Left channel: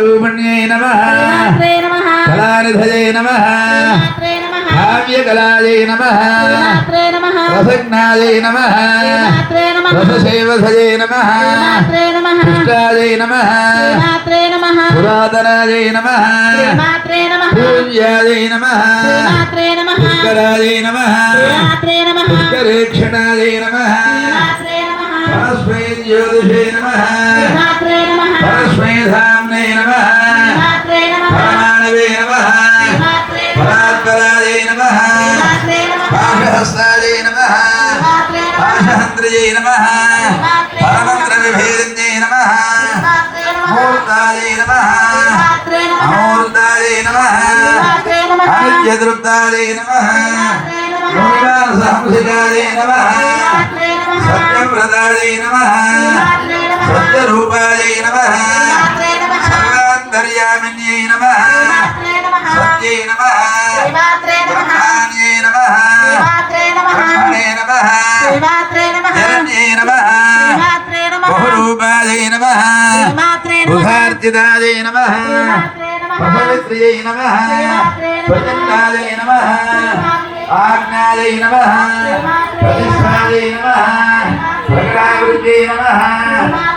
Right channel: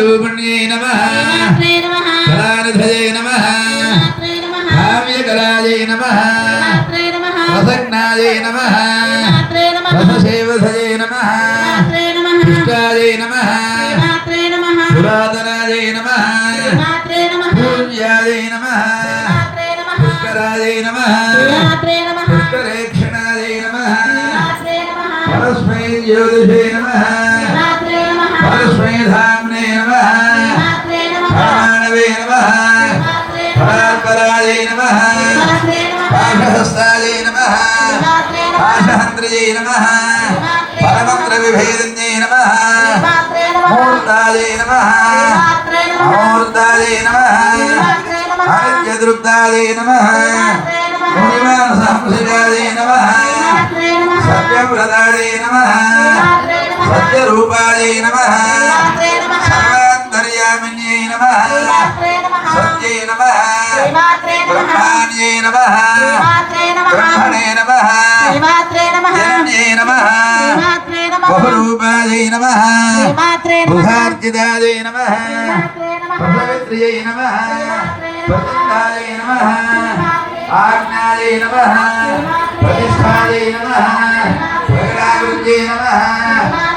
रूपण्ये नमः कलानिधये नमः काव्यकलायै नमः रसज्ञायै नमः रससेवधये नमः पुष्टायै नमः पुरातनायै नमः पूज्यायै नमः पुष्करायै नमः पुष्करेक्षणायै नमः परस्मै ज्योतिषे नमः परस्मै धाम्ने नमः परमाणवे नमः परात्परायै नमः पाशहस्तायै नमः पाशहन्त्र्यै नमः परमन्त्रविभेदिन्यै नमः मूर्तायै नमः अमूर्तायै नमः अनित्यदृप्तायै नमः मुनिवासहंसिकायै नमः सत्यप्रदायै नमः सत्यरूपायै नमः सर्वान्तर्यामिन्यै नमः सत्यै नमः ब्रह्माण्यै नमः ब्रह्मणे नमः हिरण्यै नमः बहुरूपायै नमः बुधार्चितायै नमः पशवित्र्यै नमः प्रचण्डायै नमः आज्ञायै नमः प्रतिष्ठायै नमः प्रगटाकृत्यै नमः